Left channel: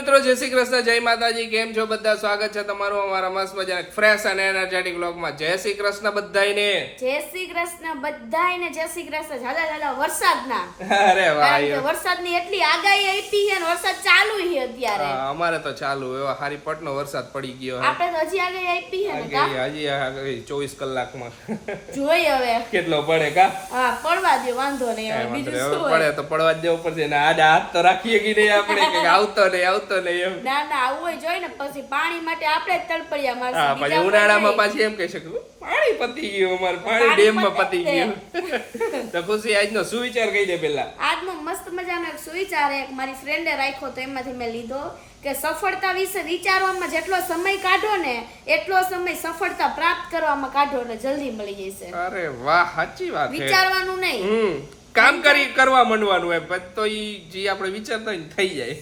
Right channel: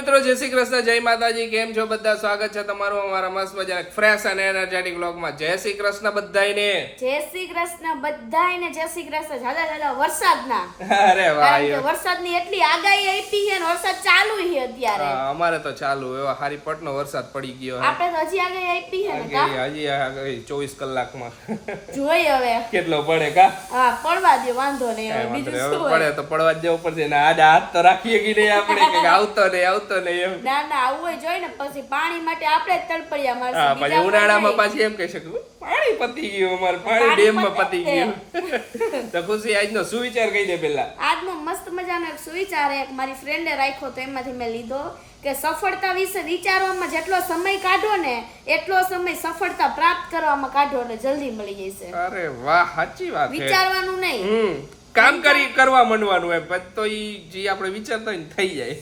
મિત્રો, જય શ્રી કૃષ્ણ, જય માતાજી. કેમ છો બધા? સ્વાગત છે તમારું અમારા મસ્ત મજાના ફ્રેશ અને એનર્જેટિક વ્લોગમાં. જય શ્રી કૃષ્ણ બધાયને. જય શ્રી કૃષ્ણ બધાયને. જય શ્રી કૃષ્ણ. ઝાલા વરસાદના. અરે વાહ, વરસાદની એટલી આગાહી આપી છે ને વરસાદ ચાલુ છે અત્યારે. અમારે તો ચાલુ એવો હારી પટનો વરસાદ પડી ગયો. આપણે તો હજી આગાહી આપી છે ને કા? હજી આગાહી 24 કલાકમાં જોઈ હવે કેટલો પડે કા? હા, પડવા દે, વાંધો નહીં. હવે બીજું શું પડે તો પડવા જ દેવું પડશે ને. આડા હાથ તો રાખીએ કે નહીં આપણે કે આવતો નહીં એમ. ના ના, આવું હોય જોઈ ને પછી પાણી માટે આપણે જ તડપડિયા હા, મારશું. પછી ઉનાળામાં પાછી એમ કહી શકું પાણી પતી ગયું, અમારે પાણી ડેમમાં પતી ગયું. તો ખુશી આજનો સુવિચાર કહી દે પેલા. આજનો મસ્ત મજાનો એક સુવિચાર એક મારી ફ્રેન્ડે રાખ્યો તો એમાંથી મેં લીધો કે સફળતા વિશે વિચારવામાં જેટલો સમય કાઢો ને એટલો સમય સફળતા પ્રાપ્ત કરવામાં કાઢો એટલે જલ્દી મળી જશે. અરે વાહ, સાચી વાત છે. વિચારવાનું નહીં, કામ કરવા માંડવાનું એમ પછી તો ઈ જે આપણે વિચારતા હોય ને થઈ જાય.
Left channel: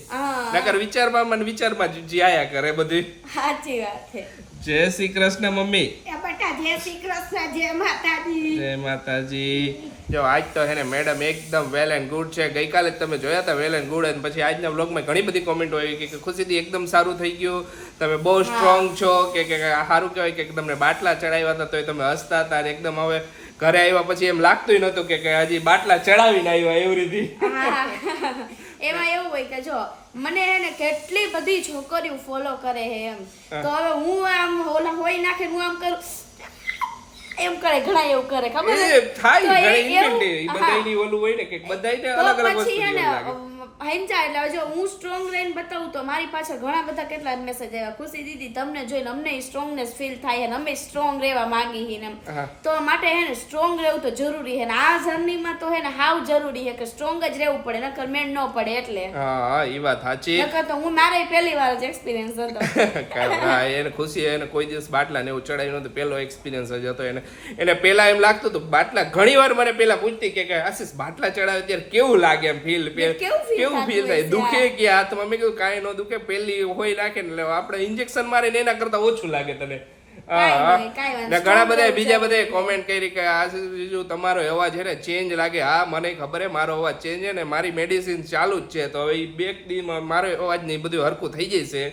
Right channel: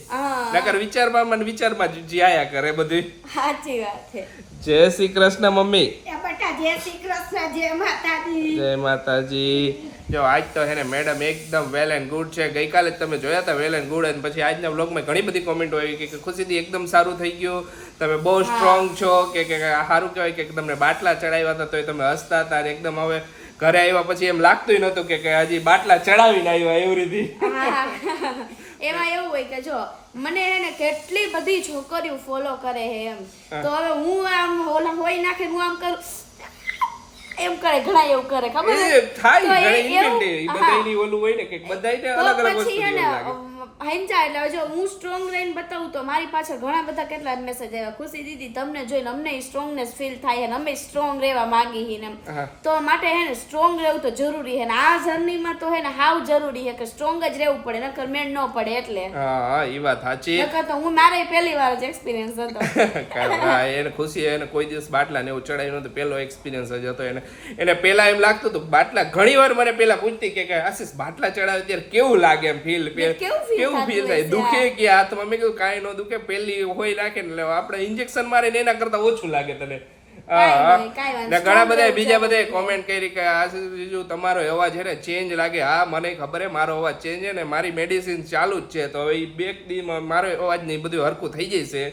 નકર વિચારમાં જે આયા કરે બધું. સાચી વાત છે. જય શ્રી કૃષ્ણ મમ્મી. બેટા જય શ્રી કૃષ્ણ, જય માતાજી. જય માતાજી. જો આજ તો હે ને મેડમ એકદમ વેલ એન્ડ ગુડ છે. ગઈકાલે જ તમે જોયા હતા વેલ એન્ડ ગુડ, અને પછી આજના વ્લોગમાં ઘણી બધી કોમેન્ટો આવી કે ખુશીથી એકદમ સારું થઈ ગયું, તમે બહુ સ્ટ્રોંગ છો, કે સારું કહેવાય કે તમને બાટલા ચડાવ્યા હતા તોય તમે હસતા હતા, અને એકદમ હવે ઘરે આવ્યા પછી એમ લાગતું નતું કે હજી બાટલા ચડાવીને આવ્યા એવી રીતે. એમાં એવું હોય કે જો મને એને કેટલી બધી છોકરીઓ ફોલો કરે છે એમ, તો હવે હું આમ ઓલા હોય નાખે હું આમ કરું એમ કરે, ઘણા એવું કરે, ખબર છે થાય ઘણી ઇન્ટેન્ડ બધાયની ઓલું હોય ને કે બધાયને અલગ અલગ વસ્તુ પછી લાગે. હેંચા એટલે જો હું સ્ટ્રોંગ રહીને બતાવું તો મારી પાછળ ઘણા બધા કેટલા મેસેજ આવ્યા, ખુશી દીદી તમને જોઈને અમને સ્ટ્રોંગનેસ ફીલ થાય છે, અમે સ્ટ્રોંગ રહેવા માંગી છીએ ને. તો માટે હે ને સ્ટ્રોંગ રહેવું તો જરૂરી છે ને આ જર્નીમાં તો હે ને હાવ જરૂરી છે કે સ્ટ્રોંગ જ રહેવું પડે, નકર મેળ ન પડે. એટલે હા, એ વાત સાચી. નકર તો હું મારે પહેલી વાર જ એક્સપિરિયન્સ હતો. એને ખુશી એને કોઈ દિવસ બાટલા ને એવું ચડાવ્યું નતું, પેલો એક્સપિરિયન્સ જ હતો એને પેલા એમ લાગતું હતું બાટલા, ઘણી વાર મને પેલા પૂછતી કે આશીષ બાટલા ચડાવે ત્યારે કેવું લાગે એમ ફીલ કેવું ફીલ થાય, દુખે કે હાથમાં? મેં કીધું કાંઈ ન દુખે, પેલી હોય નાખે ને આપણે ઇન્જેક્શન મારે ને એના કરતા ઓછું લાગે તને. ઘણા બધા બીજા બધા કોમેન્ટ કરી કે આશીષ તમારો અવાજ છે ને ચેન્જ લાગે. હા, મને ખબર હે મારો અવાજ ચેન્જ છે ને મારી મેડિસિન ચાલુ જ છે, તો હવે બે દીમાં મારો અવાજ ને બધું હરખું થઈ જશે.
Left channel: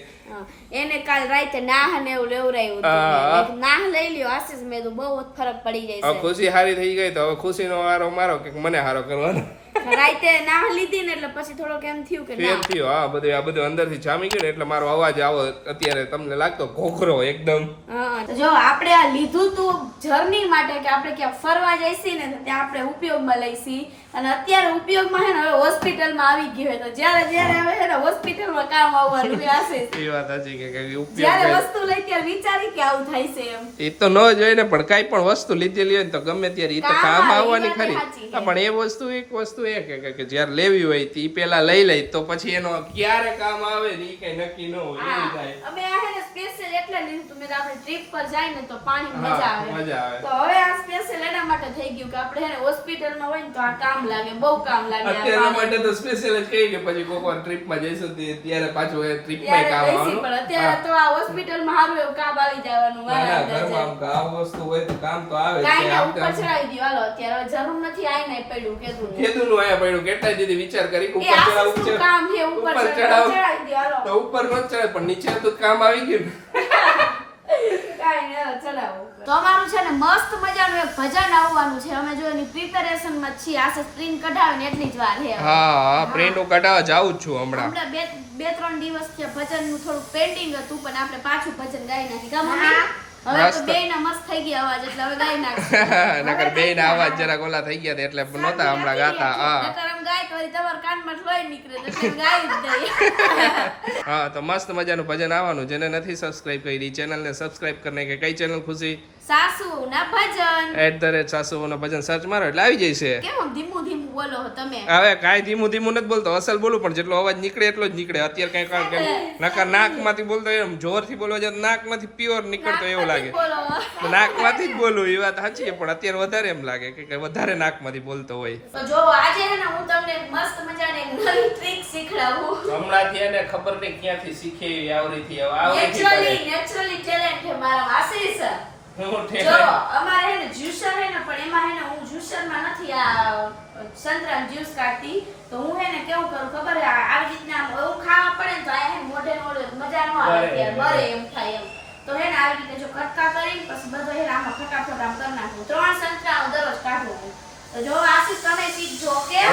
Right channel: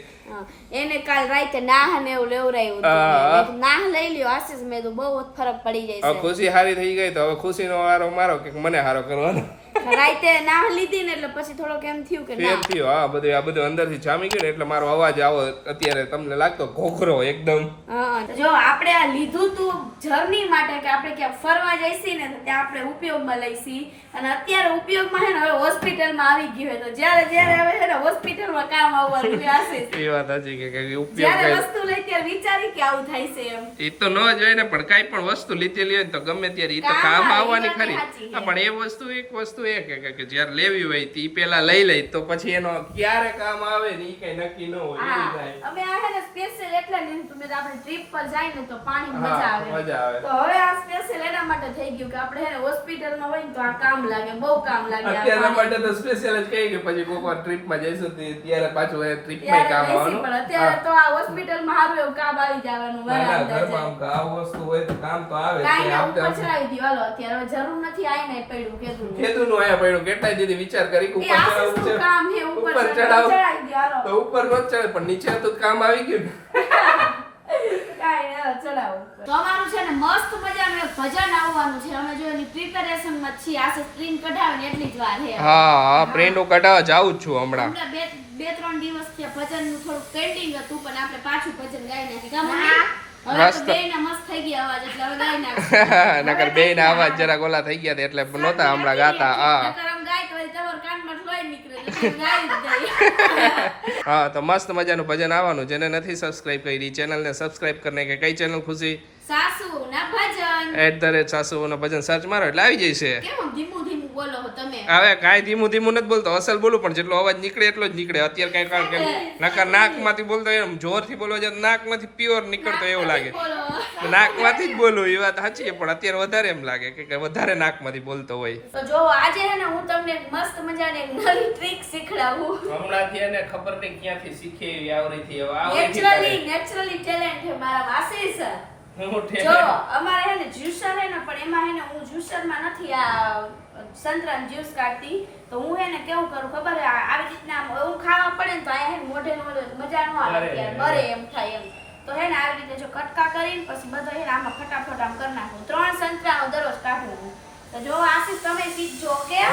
એને કાલ રાતે નાહ ને એવું લેવરાયું, નાહ લઈ લ્યો આશીષ, મેં તો બહુ ફરક પડી જાય છે. ખુશી હારી થઈ ગઈ તો હવે ખુશી નો વારો મારો કે મને હારો કરવાનો. રાતે નાહ લીધી ને એટલે પછી થોડોક એમ થયું કે ના થયું. હા, બધું અંદરથી જામી ગયું ને એટલે મારો અવાજ આવો અત્યારે તમને લાગતો ઘોઘરો એકદમ. જો આપણે આ લીધું તું જર્ની માટે કે આપણે ક્યાં ફરવા જઈશી ને ત્યાં આપણે ઉપયોગમાં લઈશી, અને અત્યારે ઉપયોગમાં હે ને હવે હોસ્પિટલમાં આવી ગયું હોય તો જ્યારે હવે હે ને હોસ્પિટલમાં કામ આવવાનું હશે. એ વાત સાચી કે ઉપયોગ જ્યારે વસ્તુ લઈ ત્યારે વિચારી કે આવું થાય છે એમ. એ તો ન જોઈ ને, પણ કાઈ પણ વસ્તુ લીધેલી હોય ને તો ગમે ત્યારે એ તો કામ આવવાની ખરી. પણ એક વસ્તુ એ કે જ્યારે લેવી હોય તો પેલા લઈ લઈ તો પછી એનો ક્યારે કામ આવે ને એ કઈ નક્કી ન હોય. અમે આ હે ને સ્પેશિયલ એટલે લીધું તું, મેં આપણે ટ્રીપ પર જાય ને તો પાણી મજા આવે, તો હવે આ સ્પેશિયલ એના માટે થઈ ગયું કે આપણે હે ને હોસ્પિટલમાં હોય ને તો આ કામ લાગે, બહુ કામ લાગે. અત્યારના માટે તો સ્પેશિયલ જ કહી કે પછી કોઈ વાર ટ્રીપમાં જઈશું ત્યારે પાછું એ ટ્રીપમાં કામ આવવાનું. પણ અત્યારે તો આ હોસ્પિટલમાં સારું એવું કામ આવી જવાનું. ઘરમાં કામ વસ્તુ હોય તો કામ તો આવે કાઈ ના ઉપર ચડાવી દીધું. હાલો અત્યારે જરૂર નથી આય ને પડ્યું કેદું નું આયા પડ્યું. કેટલાય દીદી વિચાર કરી કે ઉપર ચડાવવું છે, કામ છે ઉપર ચડાવી દે હાલો, તો ઉપર નો ચડાવે પણ નીચે તો કામ આવી ગયું ને. તમારું છે ને મસ્ત મજાનું એક ભજન આવવાનું છે, અમે જો એની પ્રિપેરેશન માં છીએ. આ સ્ક્રીન કઢાવે ને એટલી જ વાર છે. હા, પ્રિન્ટ કઢાવવા જાઉં જ છું હમણાં. બે ત્રણ દિવસ થી ભજન નું થોડું પેન્ડિંગ હતું, પણ આપણે પાછું ભજન ગાઈ નાખી કા મમ્મી? હવે તો બેયના મસ્ત થઈ ગયા અવાજ એટલે હવે ગાઈ નાખશું. નકર બેયના અવાજ જરા ગોલા થઈ ગયા એટલે નહોતા હમણાં ગાતા. હા, તો મસ્ત મજાનું ભજન આવવાનું. જેને નથી સબસ્ક્રાઇબ કરી ચેનલને સબસ્ક્રાઇબ કરીને કે કઈ ચેનલ ખુશી? સાસુ ના ભજન @સાસુ ના ભજન સર્ચ મારો એટલે આવી જશે. કેમ ધીમું ધીમું બોલો તમે? હવે કાઈ ધીમું નથી બોલતો, અસલ બોલું પણ જેટલો અવાજ નીકળે એટલો જ નીકળે. અત્યારે કઈ કારણ કે નકર નાકમાંથી બોલતો એમ જોરથી બોલવા જાય નાકમાંથી પ્યોર નીકળતો એવું લાગે. નાકમાંથી જ બોલું એ વાત સાચી, પણ અત્યારે વધારે એમ લાગે કે વધારે નાકમાંથી બોલતો હોય. તો જો આજે હે ને હું તમને મસ્ત મજાની એક નવી ટ્રીક શીખડાવું. હમણાંથી એને ખબર નહીં ક્યાંથી શીખે આવરીથી નેચરલી ટેલેન્ટ છે મારા આશીષ. જો અમારે હે ને જ્યુસર હે ને પણ એમાં હે ને હું જ્યુસરમાં નથી આ સંતરાનું જ્યુસ કાઢતી તો હું હે ને કેવું કરું ખબર હે આવી રીતના એવું ખાવા પડે ને તો આ હે ને મોઢે નો મજા નો આવે યાર બરે એમ થાય એમ તો હે ને આવી રીતે જો કટકા કરીને પછી બધો હે ને આમાં ફટાફટ આમ કરી નાખું 3 સંતરાનો દરરોજ કાઢું હું તો જો આશીષ તમે શીખજો કે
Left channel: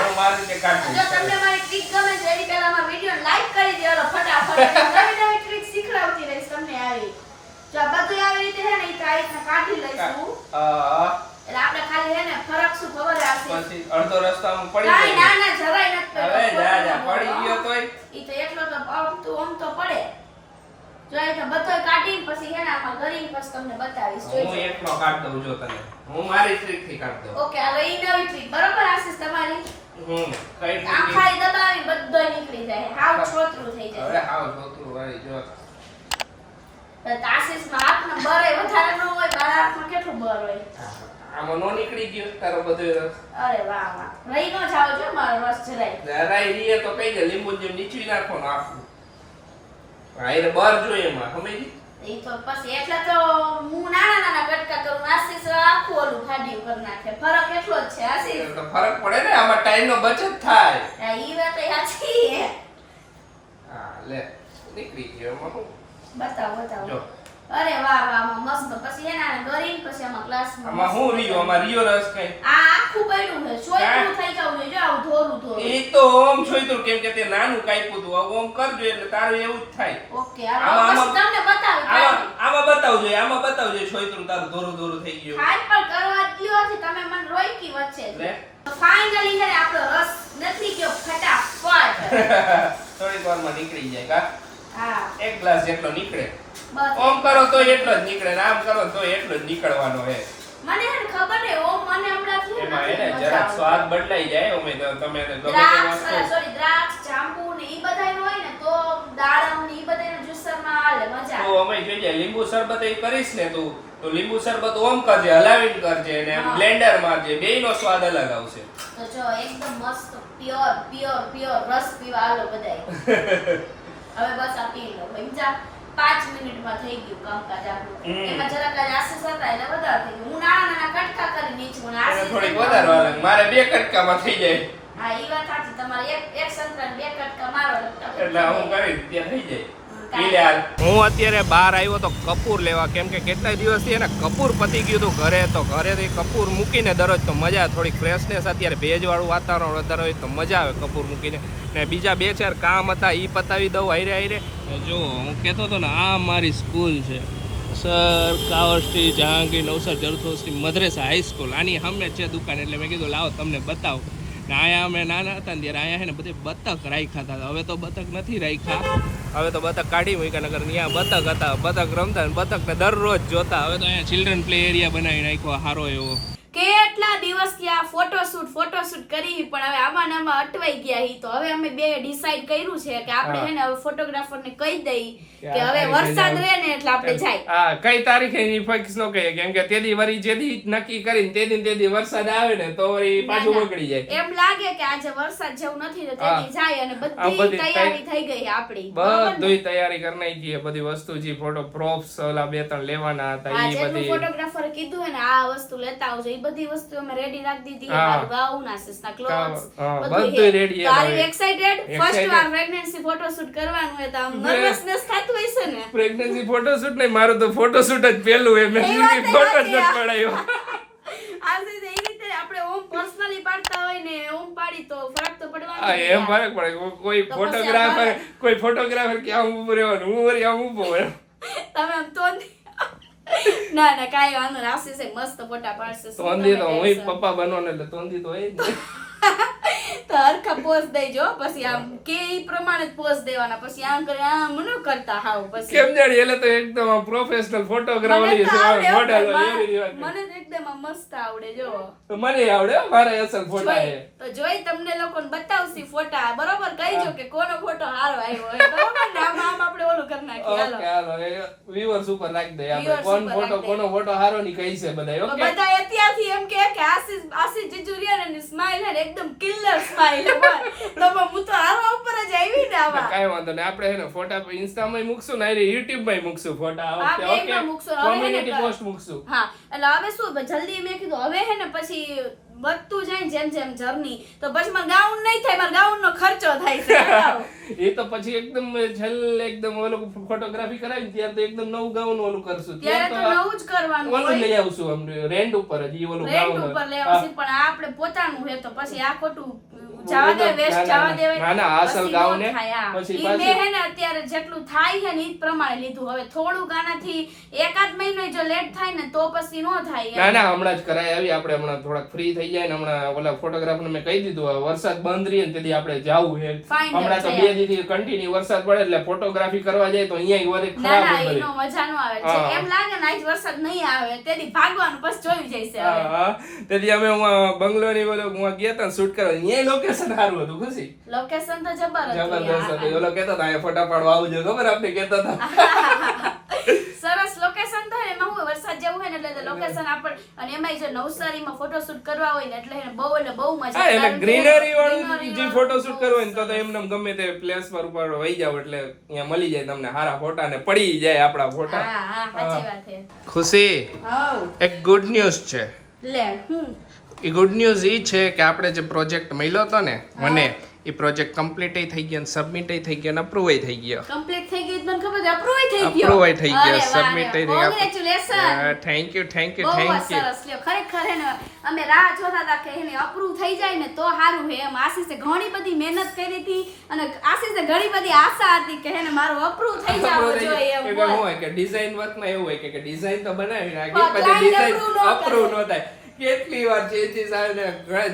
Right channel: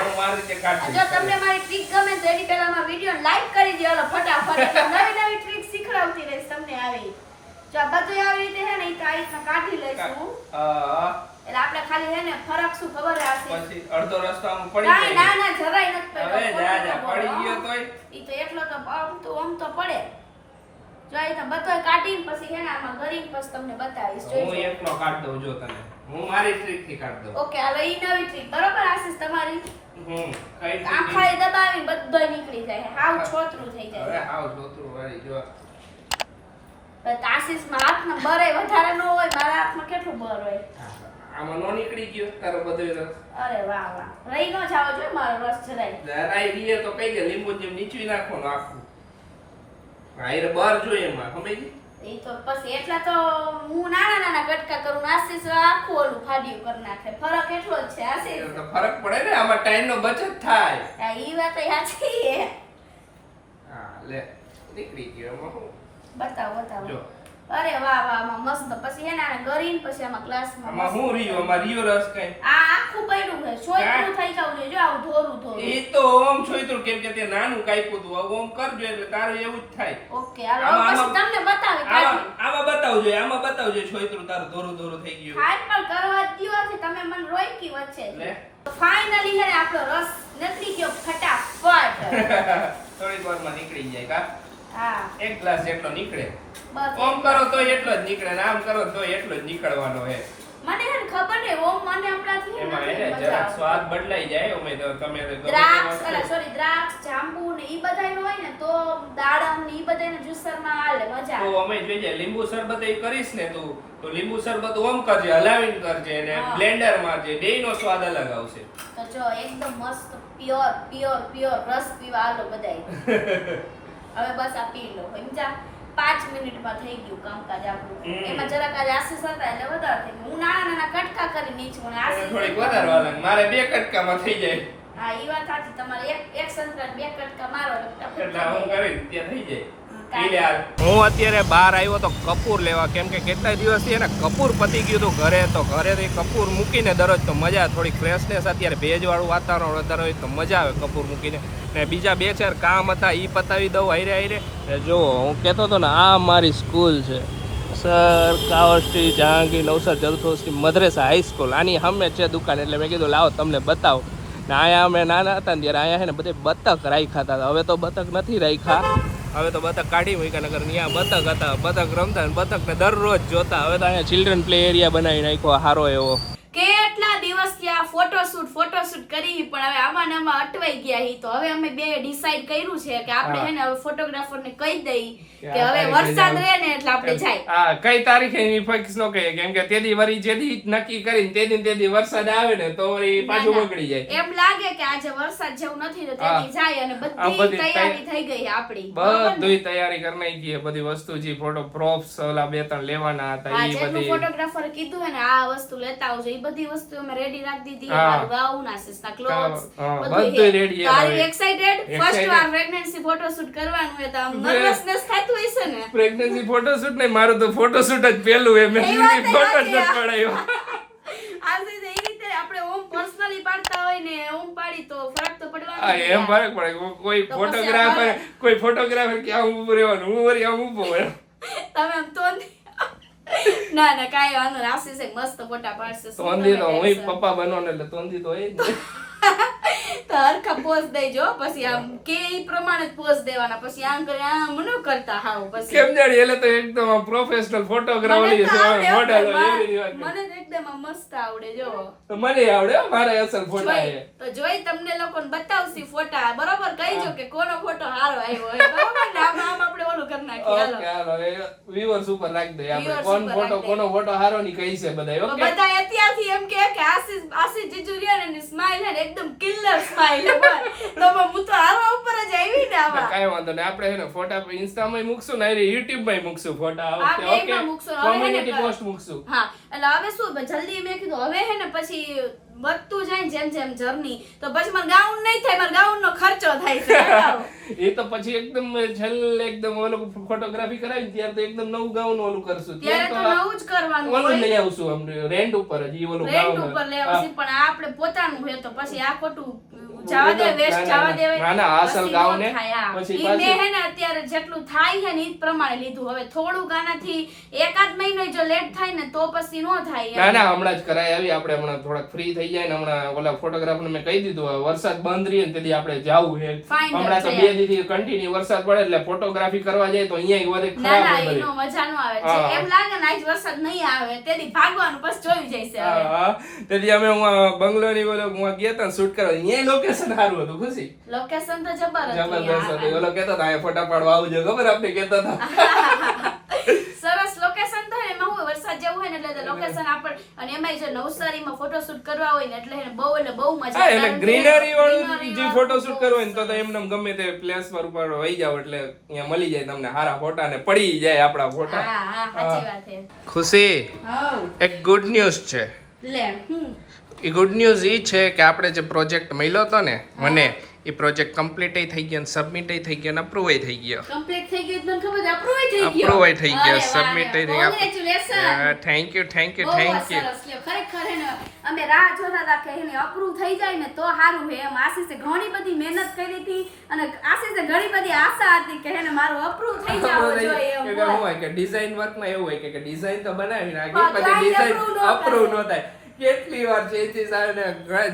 જો તમને મારી ટ્રીક ગમે તો એની પહેલા મારા વિડિયો લાઈક કરી દેજો ફટાફટ નવી નવી ટ્રીક શીખડાવતી રહીશ તમને આવી જો આ બધું આવી રીતે હે ને ઈ તો આ રીતના કાઢી લઈશું એટલે આપણે ખાલી હે ને ફરક શું ખબર હે આશીષ પછી અડધો રસ્તો આમ પડી જાય ના ના જરાય નથી હવે જા પડી ગયો તોય ઈ તો એકલો તો આમ તો પડે જો આ તો બધો કાઢીને પછી હે ને આમાં ગરીને પછી તમને બતાવીશ હું જોઈજો એકલો કાઢ દઉં જો તને હું મારી ટ્રીક થી કાઢ દઉં ઓકે હાલો ઈ નવી ટ્રીક બરોબર આશીષ તમારી કઈ આખાઈ દબાવીને બધોય નીકળી જાય હાવ છોતરું થઈ જાય હવે હાવ જોતરું વળી જો પણ આશીષમાં હાથમાં બરે વધારે ન હોય મારા હાથમાં કેટલું બર હોય આમાં નો નીકળી ગયો તારો બધો રસ અરે વાહ વાહ રહી નો જાવ જો મારો રસ જરાય રાઈ રીએ તો કઈ દે લીંબુ જેમ નીચવી નાખો ને આખું આયરે બાર જોઈએ એમાં સમજી ઈ તો પછી એટલા તો હું નાના નાના કટકા કરું આશીષ આખું ઓલું ફાડ્યું કરી નાખે ફરક એટલો જ છે આશીષ તો ફરક પડે ને આમાં ટાઈમ નો બચત થાય હા ઈ વાત સાચી હે હા લે નીકળી ગયો એમાં શું બતાવો બતાવો જો અરે વાહ વાહ આમાં મસ્ત પછી એને આને ગરીને પછી આમાં ગ્લાસમાં આમાં હું રીયો આમાં રીયો રસ કઈ આ આખું પડ્યું છે સોયનું થઈ જવું જોઈએ જો આવું ધોરું ધોરું એ તો ઓમ છોઈતું કેમ કે તે નાનું કાપ્યું હતું હવે ઓમ કરજો એટલે તારું એવું જ થાય ઓકે હાલો પછી તમને બતાવી કાઢી આમાં બતાવજો છોઈતું તારું દોરું દોરું થઈ ગયું હાલ પણ કરવા દ્યો છે તમે મને રોઈકી વચ્ચે લે ફાઇનલી હે આપણો રસ નથી ગયો ફટાફટ થોડીક વારમાં નીકળી જાય કા હા એક ગ્લાસ જેટલો નીકળે બસ ઓમ કરો તો એટલો જ નીકળે ને આમ કરો તો એટલો જ નીકળવાનો હે મને હે ને ખબર નહી ઓમ મને હમણાંથી હે એમાં એને નથી જરાક મજા સ્વાદ બદલાઈ જાય અમે તો તમે તો ગમે તે દ્રાક્ષ વસ્તુ સોરી દ્રાક્ષ જાંબુ ને ઈ બધાય હોય ને તો દાડમ ને ઈ બધાય ને જ્યુસર માં હાલે મજા તો અમે જોઈએ લીંબુ શરબત એ કરીશ ને તું તો લીંબુ શરબત ઓમ કરજે હલાવીને કરજે ને બ્લેન્ડર મારજે બેયનો સ્વાદ અલગ આવશે તો જો એકદમ મસ્ત પ્યોર રસ પીવા હાલો બધાય હવે બસ આ પી લો સમજા 5 મિનિટમાં થઈ ગયું કામકાજ આપણું એમાં જરાક આજ આશીષ હતા એટલે વધારે થઈ ગયું હું નાના નાના કટકા કરી નીચું આશીષ થોડીક વધારે વાલે મારે 2 કટકામાં થઈ જાય હા ઈ વાત સાચી તમારે એક સંતરા 2 કટકા મારો એટલે હું કરી ત્યાં થઈ જાય હું અત્યારે બહાર આવ્યો તો કપૂર લેવા કેમ કે કેટલા દિવસથી એને કપૂર પતી ગયું હતું ઘરેથી કપૂર મૂકીને દરરોજ તો મજા થોડીક ફ્રેશનેસ અત્યારે ભેજવાળું વાતાવરણ વધારે હોય તો મજા આવે કપૂર મૂકીને ને બીજા 2-4 કામ હતા એ પતાવી દઉં હારે જો હું કહેતો હતો ને આ મારી સ્કૂલ છે સર કાવસ્ટી જહાંગીર નવસર જરથોસ્ટી મદ્રેસા હાઈસ્કૂલ આની સામે છે દુકાન એટલે મેં કીધું લાવો તમને બતાવો ને અહીંયા અમે નાના હતા ને ત્યારે અહીંયા છે ને બધે બતક રાખ્યા હતા હવે તો બતક નથી રાખ્યા હવે તો બતક કાઢી મૂક્યા નગર ત્યાં બતક હતા બતક રમતા ને બતકને દરરોજ જોતા હવે તો અહીંયા ચિલ્ડ્રન પ્લે એરિયા બનાવી નાખ્યો સારો એવો કેટલા દિવસથી આ ફોટોશૂટ કરી પણ હવે આમાં ને આમાં અટવાઈ ગયા હી તો હવે અમે બે ડિસાઈડ કર્યું છે કે આપણે હે ને હવે ફોટોગ્રાફરને કહી દઈ કે હવે વરસાદ રહે ને એટલે આપણે જાય હા કઈ તારીખે એની ફિક્સ નો કહીએ કેમ કે તેદી વરી જેદી નક્કી કરીને તેદી વરસાદ આવે ને તો વરી પાછું બગડી જાય એમ લાગે કે આજે વરસાદ જેવું નથી તો તેદી જાય અને બધી તૈયારી થઈ ગઈ આપણી બધી તૈયારી કરી નાખી બધી વસ્તુ જે ફોટો પ્રોપ્સ ઓલા 2-3 લેવાના હતા એ બધી ફોટોગ્રાફરે કીધું હે ને આ વસ્તુ લેતા આવજો એ બધી વસ્તુ અમે રેડી રાખી દીધી મારું ગાઉન આસીસના ક્લોથ્સ બધું રેડી છે આર એક્સાઇટેડ ફર્સ્ટ વાર પ્રેગ્નન્સી ફોટોશૂટ કરવાનું હે તો નર્વસનેસ થાતું હશે ને પ્રેગ્નન્સી ફોટોશૂટ નહીં મારું તો ફોટોશૂટ જ પહેલું હે મેં ફોટો જ પડાયો આજે એ રીતે આપણે ઓમ પર્સનલી પાડતા હોય ને ઓમ પાડી તો ફરક તો પડવાનો હા એમ ફરક પડે કોઈ ફોટોગ્રાફર કે આમ ઊભો રહેવાનું હું વરી આમ ઊભો હોય તમે આમ તો ના કાઈ વાંધો ના આશીષે મસ્ત ફોટા પાડશે તોંદી તો હું પપ્પા બનવાનો એટલે તોંદી તો હોય જ તો હરખા પોઝ દેજો પછી આમ કે ઈ પ્રમાણે જ પોઝ દેવાના પછી આમ કરે આમ ન કરતા હાવ પછી કેમ જાણી એટલે તો એકદમ પ્રોફેશનલ ફોટોગ્રાફર મોડેલ મને તો એકદમ મસ્ત આવડે જો મને આવડે મારા અસલ ફોટા છે તો જોઈ તમને લોકોને બતાવશી ફોટા બરોબર કહીજો કે કોનો ફોટો સારો આવ્યો હોય બરોબર ને આમ આપણે ઓલું કરી નાખી હાલો ઓકે હાલો વ્યુઅર્સ ઉપર રાખી દે આપણે Viewers કોણ ઉપર ફોટો રાખી દે. કોનો ફોટો હારો ની કહી છે બધા તો ઓકે બધા અત્યારથી એમ કે આશીષ જીજુરિયા ની સ્માઈલ હે ને એકદમ કિલર સ્માઈલ હે બસ. તો હું તો આવા ઉપર જ આવી ને આવા કાંઈ વાંધો નહીં આપણે હે ને ફોટા ઇન્સ્ટામાં મૂકશું ને યુટ્યુબ માં મૂકશું ફોટા આ હા, વખતે બેયમાં ઓકે મૂકશું. હવે હે ને કોમ્યુનિટી પોસ્ટ મૂકશું હા એટલે હવે શું જલ્દી મેં કીધું હવે હે ને પછી વધતું જાય ને જેમ જેમ જર્ની તો પછી મારે ગાઉન નહીં થાય મારે ગાઉન નો ખર્ચો થાય છે બતાવો. એ તો પછી એકદમ છેલ્લે એકદમ ઓલું ફોટોગ્રાફી કરાવી ત્યારે તો એકદમ નવું ગાઉન ઓલું કરશું ત્યારે તો નવું જ કરવાનું ઓલું હોય. લઈ આવશું આમ રેન્ટ ઉપર જ ઈ ઓલું રેન્ટ ગાઉન ઉપર લેવા છે પણ આ આપણે પોતાનું હે તો પછી આ ખોટું જવા દે વેસ્ટ જવા દેવાય. ના, ના, આ અસલ પછી ગાઉન નો હે. થાય, હા. પછી ઈ પાછું- મેં હે ને અત્યારે જેટલું થાય છે ને ઈ જ પ્રમાણે લીધું હવે થોડુંક આનાથી એકાદ મહિનો જો લેટ થાય ને તો પછી નો થાય એમ. ના ના હમણાં જ કરાય આવી આપણે હમણાં થોડાક ફ્રી થઈ જાય ને હમણાં ઓલા ફોટોગ્રાફર મેં કહી દીધું હવે વરસાદ બંધ રહે ને તેથી આપણે જાવું છે Fine, હમણાં તો જઈએ. 2 દીથી કન્ટિન્યુ વરસાદ પડે એટલે ફોટોગ્રાફી કરવા જાય તો અહીંયા વધે ના ખરાબ ના હોય એનો બધી. મજા નો આવે હા. છે એમ લાગે ને આજ વરસાદ નહીં આવે તેથી ભાગવાનું પછી જોઈ જઈશે હવે. હા, તેથી અમે હું બંગલોની ઓલો હું ગયા હતા શૂટ કરવા અહીંયા લોકેશન સારું હતું ખુશી લોકેશન તો જબરદસ્ત જબરદસ્ત હતું. હતું ઓલો કહેતા હતા અહીંયા ફોટા પાડવા આવજો ખબર આપણે કહેતા હતા સરસ લોકેશન તો એમાં હું વરસાદ જેવું હોય ને એટલે લોકેશન આપણ અને એમાંય જો નવસારીમાં ફોટોશૂટ કરવા હોય ને એટલે બહુ મજા હા એટલે કારણ કે ગ્રીનરી વાળું greenery જે વાળું ફોટોશૂટ કરવું હોય ને તો એમને ગમે તે પ્લેસ પર ઉપર વહી જાવ એટલે અહીંયા મળી જાય તમને સારા ફોટા ને પડી જાય આપણા ફોટા હા હા સાચી વાત છે. ખુશી હાઉ એક ગુડ ન્યૂઝ છે લે હું એ ગુડ ન્યૂઝ એ છે કે આપણે જે પ્રોજેક્ટ મળ્યો હતો ને મને એ પ્રોજેક્ટ કમ્પ્લીટ થઈ ગયો સબમિટ થઈ ગયો ને અપ્રૂવ થઈ ગયો કમ્પ્લીટ થઈ ગયું મને ખબર છે અપ્રૂવ થઈ ગયો અપ્રૂવ થઈ ગયો અરે વાહ, સબમિટ થઈ ગયો congratulation thank you thank you બહુ જ થેન્ક યુ સરસ લ્યો ખરેખર હે ને અમે રાહ જોતા હતા કે એને અપ્રૂવ થઈ જાય ને તો સારું હે એમ આશીષે ઘણી બધી મહેનત કરી હતી અને આશીષે ઘણી બધી આશા હતી કે હે ને મારું અપ્રૂવ થઈ જવું જોઈએ એમ શું હોય કે ડિઝાઇન વર્કમાં એવું હોય કે ડિઝાઇન તો બનાવી નાખી પણ પછી client ડિઝાઇન approve ન અપ્રૂવ ન થાય કેટલી વાર ચેન્જીસ આવે ને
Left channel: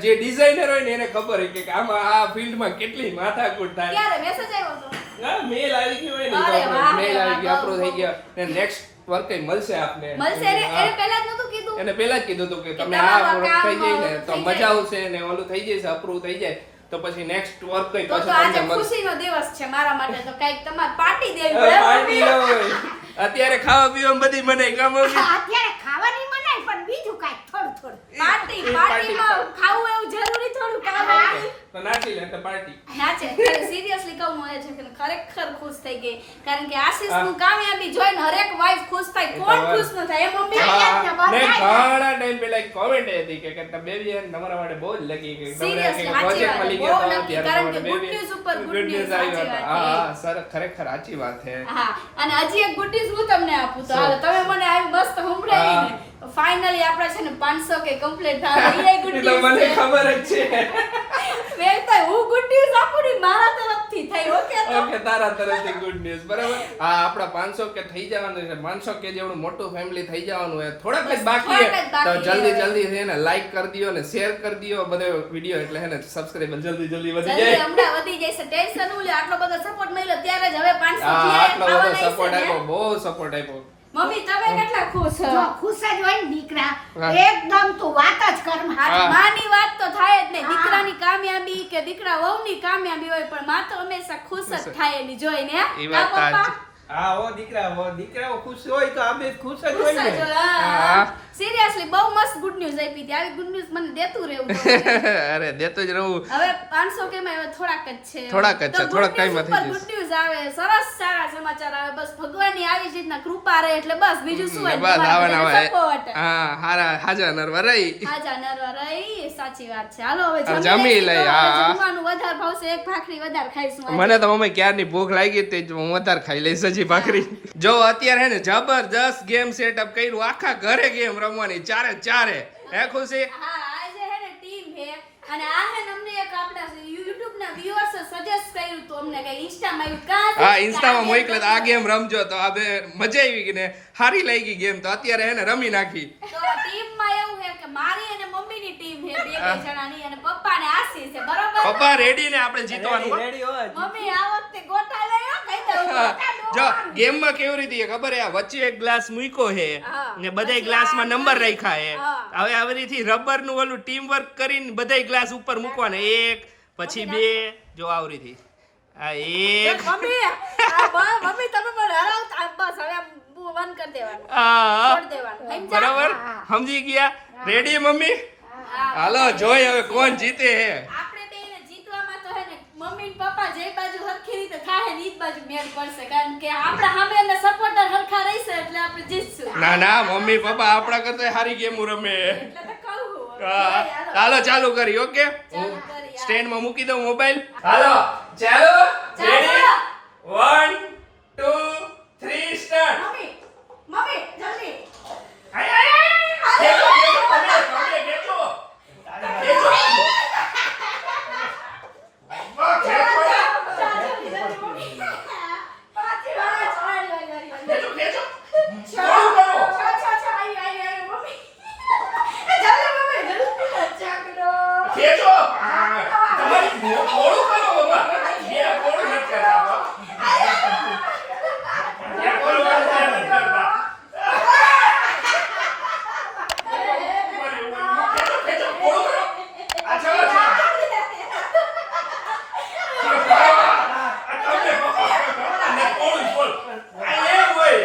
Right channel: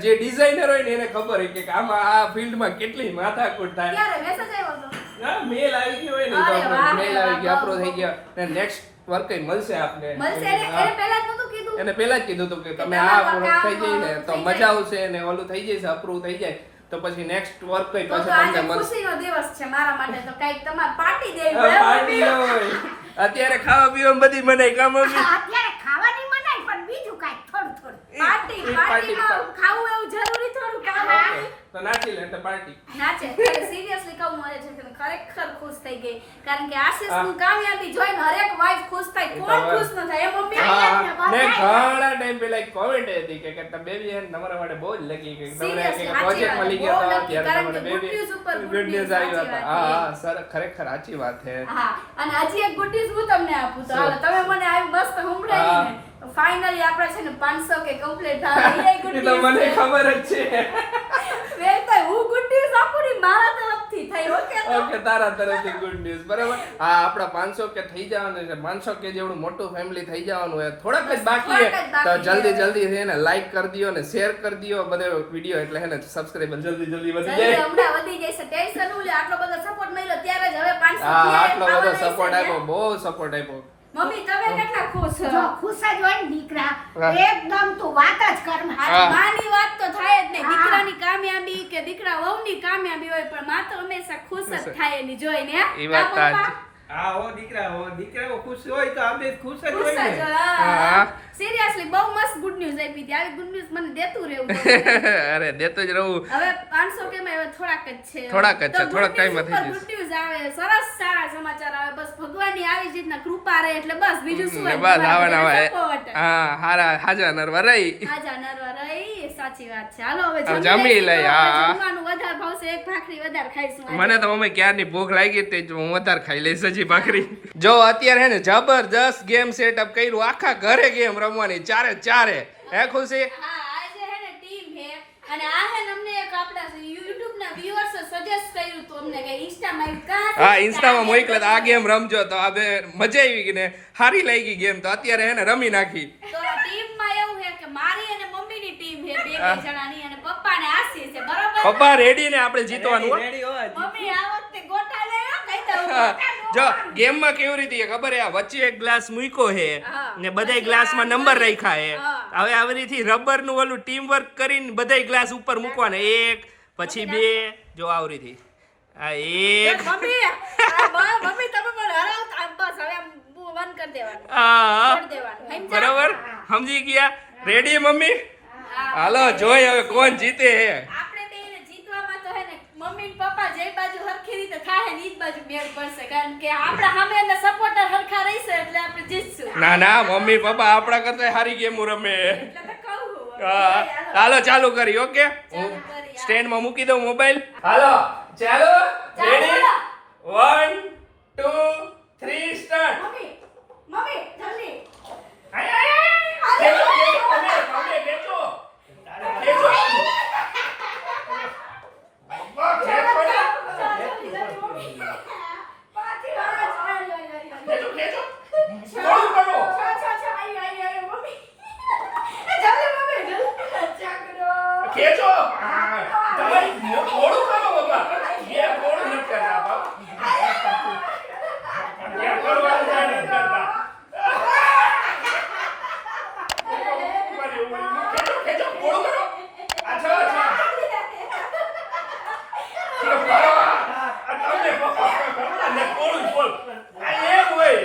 જે ડિઝાઇનર હોય ને એને ખબર હોય કે આમાં આ ફિલ્ડમાં કેટલી માથાકૂટ થાય ક્યારે મેસેજ આવ્યો હતો હા મેલ આવી ગયો હોય ને અરે વાહ, મેલ આવી ગયો વાહ, અપ્રૂવ થઈ બહુ. ગયો ને નેક્સ્ટ વર્ક મળશે આપને મળશે એને પહેલા જ નતું કીધું એને પહેલા જ કીધું હતું કે તમે તમારું આ કામ થઈ જાય ને તો થઈ મજા જાય. આવશે ને ઓલું થઈ જશે અપ્રૂવ થઈ જાય તો પછી નેક્સ્ટ વર્ક કઈ તો પાછું આજે તમને મળશે ખુશીનો દિવસ છે મારા માટે તો કઈક તમારે પાર્ટી દેવી પડે પાર્ટી ન હોય અત્યારે ખાવા પીવા બધી મને કામ આવી અત્યારે ખાવાની મનાય પણ બીજું કાંઈ થોડું થોડું પાર્ટી એ પાર્ટીમાં ખાવું એવું જરૂરી થોડું કામ તો નાચી લે એટલે પાર્ટી નાચે સિરિયસલી કહું મને છે કે ખરેખર ખુશ થઈ ગઈ કારણ કે આશીષનું હા. કામયાબી જોઈને હરેક વાઈફ ખુશ થાય એ તો કોણ વાત. ખુશ ન થાય એ મમ્મી હા ને બધા ને થાય. ઘણા ટાઈમ પહેલા એક કોમેન્ટ હતી કે તમે બેબી તમારા માટે બહુ જ લકી કે તમને Seriously, કે સાચી પ્રોજેક્ટ વાત, મળી બહુ ગયો તો lucky, ત્યારે કારણ તમારે કે good બેબી news ઉપર good ગુડ news, ન્યૂઝ આવી સાચી હતા વાત હા છે. હા સર ખરેખર સાચી વાત છે હા અને હજી એક ગુડ ન્યૂઝ હું તમને આપું તો શું? હાલો તમે મને આવી મસ્ત સંભળાવી ને ફાઇનલી આપણે છે ને 500 કે કમ્પ્લીટ થાય એ ગુડ એ તો મને ન્યૂઝ ખબર જ છે વેલ તો હું ગુડ ન્યૂઝ આપું ને મારા તરફથી થઈ ઓકે તો ઓકે તારા તરફથી ગુડ ન્યૂઝ બરાબર હા આપણા 500 કે થઈ જવાનું છે 500 કે જેવડું મોટું ફેમિલી થઈ જવાનું હોય થોડાક જ બાકી થોડાક જ છે બાકી તો જલ્દી છે. જલ્દી છે ને લાઈક કરી દો ને શેર કરી દો બધે વિડિયો એટલે હે ને સબસ્ક્રાઇબર જલ્દી જલ્દી વધી જલ્દી જાય હમણાં વધી જશે ટેન્શન ઉલે આટલો બધો સપોર્ટ મળ્યો ત્યારે જ હવે 500 હા થી આટલો બધો ખાવાના સપોર્ટ હશે ને. આપ્યો બહુ સપોર્ટ આપ્યો મમ્મી તમે કેટલા ખુશ છો જો ખુશ જ હોય ને દીકરા હા. એકદમ તું વાત જ કર માં. આ હા. માની વાત તો થાય જ નહીં હા. દીકરાની કામયાબી કે દીકરા વહુની કામયાબી હોય પણ માં તો હંમેશા ખુશ જ થાય એની જોઈને હે? ઈ વાત કા પપ્પા? સાચી. હા ઓ દીકરાઓ ખુશ હોય તો આપણે ખુશ જ ખુશ હોય જ ને હોય. હા. સિરિયસલી બહુ મસ્ત ગુડ ન્યૂઝ આપી હતી આવી ગુડ ન્યૂઝ મને દેતું રહેવું ગમે. અરે દેતો જ રહું હવે 500 કે માં હવે થોડાક જ છે થોડાક જ છે, થોડાક time માં થઈ ગુડ ન્યૂઝ આવે સરસ સારા સમાચાર આવે બસ ભગવાનની આવી જ રીતના કૃપા રહે એટલે બસ બીજું શું હોય બસ આવા તમારા નવા બધાનો support. હા હારા હાજા નરવા રહી આજા નરવા રહી સાચી વાત છે હાલો હવે હવે જમી જમી લઈએ લઈએ, તો હવે હા. જમવાનું વધારે ભાવશે એક ભાખરી વધારે ખાઈશું આજે. મને તો મમ્મી ક્યારની ભૂખ લાગી હતી જ હું વધારે ખાઈ લઈશ હજી ભાખરી જો અત્યારે હે ને જબરજસ્ત ગેમ સેટઅપ કર્યું આખા ઘરે ગેમ રમવાની ચારે ચારે હે ખુશી હા આજે હે ને ટીમ હે અને આ હે ને અમને એક આપણા YouTube ના viewers સજેસ્ટ કર્યું તો અમને કે Insta માં આવ્યું કાં હા ઇન્સ્ટામાં મોકલે તો આ ગેમ રમજો તો આ બે મજા આવી ગઈ ને સારી લાગી ગેમ તો અત્યારે હે ને રમી નાખી તો ટીમ માં એવું હે કે મારી અને મમ્મીની ટીમ હે બે બે જણાની અને પપ્પા ને આશી છે બરોબર પપ્પા રેડી ને આપણે જીતવાનું હો. રેડી હોય મમ્મી આ વખતે ગોટા લેવા કઈ દઉં હા. જો ગેમમાં કેવી રીતે ખબર હે આ વચ્ચે એક ગ્લાસ મૂક્યો હે હા. ને બધાય પછી ગ્લાસમાં આ નંબર રાખ્યા હે હા. હવે આવી રીતે રબર નું ઓલું ટીમ વર્ક કરીને બધાય ગ્લાસ ઉપર મૂકવાના એક પછી બે જો આવી રીતે આ એક મમ્મી મમ્મી તમે મને બંધ કરી દેવાનું હા છોડ દેવાનું સમજ્યા? બરાબર સમજી ગયા રેડી મમ્મી હાલો જોઈ હવે કોણ જીતે હે આપણે તો એને જીતવામાં તો હે ને મમ્મી ને પપ્પા જે બાજુ હરખી રીતે થાય ને ઈ જ બાજુ મેળ પડશે કારણ કે આપણા સામે એના સપોર્ટર હરખા રહેશે એટલે આપણે જીતશું ના ના મમ્મી પપ્પા આપણા કરતા સારી ગેમ રમે એટલે તો કહું હા, હાલો ચાલુ કરી ઓકે ચાલુ કરી, હા. સ્ટેન્ડ માં મૂકી દઉં મોબાઈલ હાલો ચાલો રેડી 1 2 3 સ્ટાર્ટ મમ્મી મમ્મી જલ્દી આય આય આય ખેંચો અમે ખેંચો ખેંચો વાહ ખેંચો જલ્દી જલ્દી મમ્મી પાછી ખેંચો ખેંચો થોડું કરો ખેંચો હા, તમારી થોડું કરો બાબા બે થોડું નથી કરતા બાબા બે થોડું નથી કરતા ખેંચો થોડું કરો અચ્છા અચ્છા તમને પપ્પા થોડું બોલ આ એમ હોય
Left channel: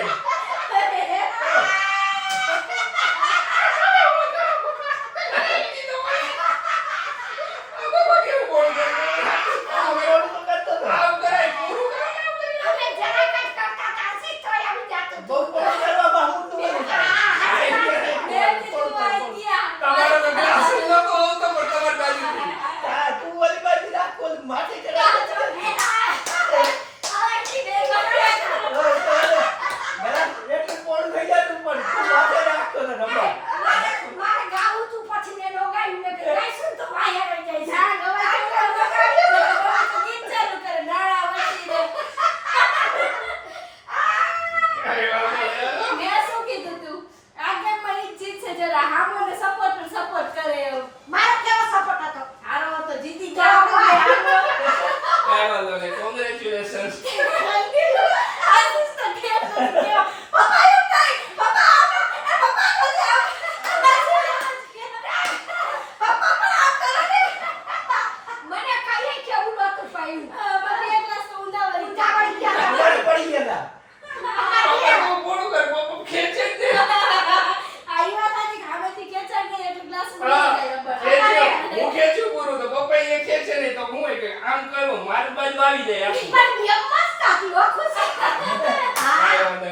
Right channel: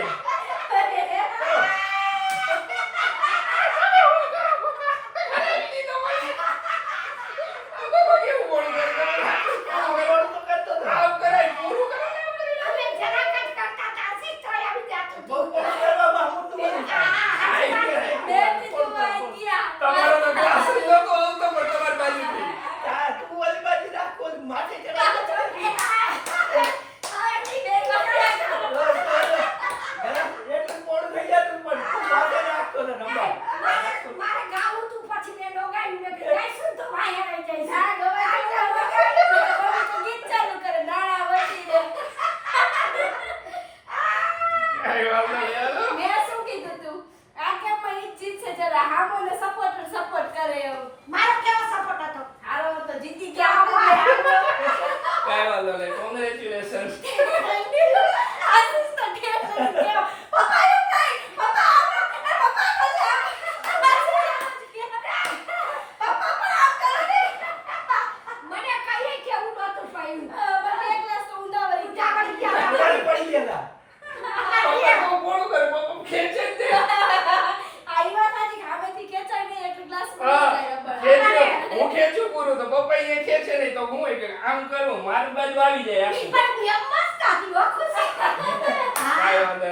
આમ કરો મારી બાજુ આવી જાય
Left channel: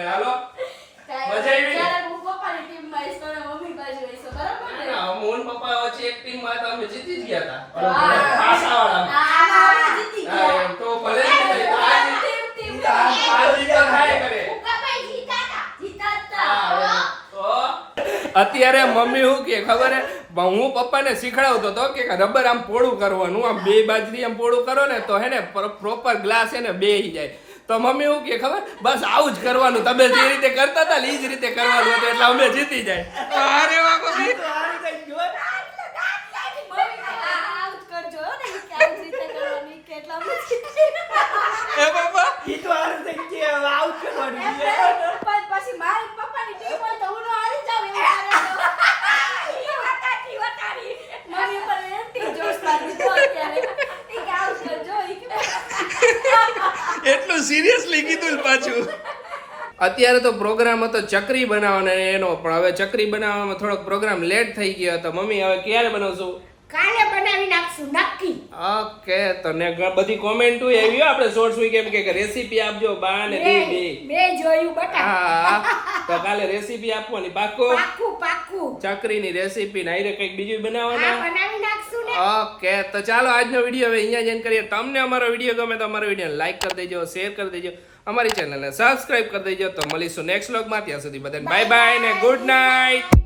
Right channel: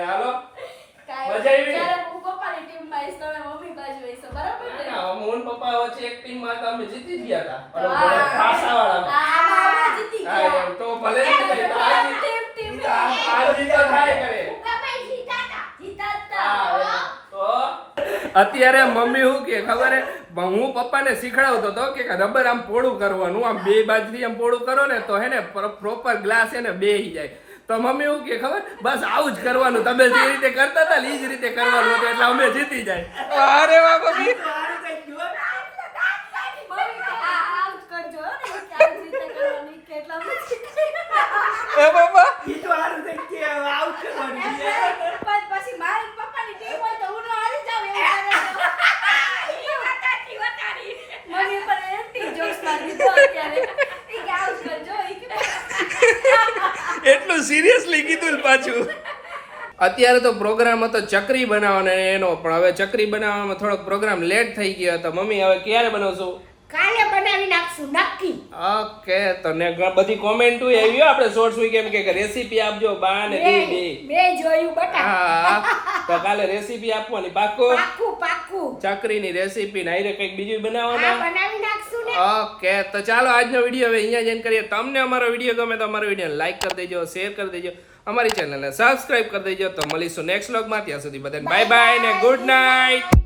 હાલો મજા આવી જ્યારે હું પપ્પાની ટીમમાં આવીશ તમે મમ્મી બાજુ આવીશો બરાબર ને મોહન પપ્પા વચ્ચે એક ટીમ માં તો અમે જીતી જ ગયા હા. હતા પાસાવાળા આપણે જીતી હા ગયા એમ તો ભલે ટીમ આ જીત થાય કરે અત્યારે મમ્મી શું કે ખબર હે હું પપ્પાને શીખડાવતો હતો કે રબર આમ પોળું કરવાનું આમ બે બાજરી આમ પોળું કરો ને તો હે ને પ્રોપર ગ્લાસ હે ને બેહી જાય તો મમ્મી શું કે ખબર બસ આવું જ કરવાનું તમે જે રીતે કરતા હતા ને એ જ રીતે કરવાનું હતું એટલે અમે જીતી જાય અરે વાહ મમ્મી એ બાબા પછી મારી પપ્પાની ટીમ હોય તો હું હારી જાવ એવું મને પર એન્ટી જોક્સ લાગી તો અત્યારે ઈ કે આઉટ કરજો ઈ કે એટલું સિરિયસલી કીધું પાછું અત્યારે તો પ્રોગ્રામ હતો ચકરી બનાવવાનો એનો પણ હવે ચકરી બનાવવામાં થોડોક પ્રોગ્રામ લેટ થઈ ગયો હતો મમ્મી હવે ક્યારે બનાવશું કાલે બનાવી નાખશું નક્કી. ઓકે તો ને બધી કોમેન્ટ આવી આપણે શોર્ટ્સ વી કેમ કે રેસીપી આપજો બા ને દી બે જોયું બટા. હા તો કાલે રેસીપી આપવાની પાકો પાક્કું પાક્કું. ચકરીની રેસીપી ને આરે કંઈક બીજું હા બનાવવાના બનાવી નાખશું ને. ઓકે તો ચાલો આજનો વિડીયો હવે અહીંયા જ end કરીએ તમને અમારો વિડીયો ગમે તો અમારો વિડીયો લાઈક કરી દેજો શેર કરી દેજો અમારી ચેનલને સબસ્ક્રાઇબ કરી દેજો તો મળીશું નેક્સ્ટ વ્લોગમાં ત્યાં સુધી બધાને બાય બાય ને ગુડ નાઇટ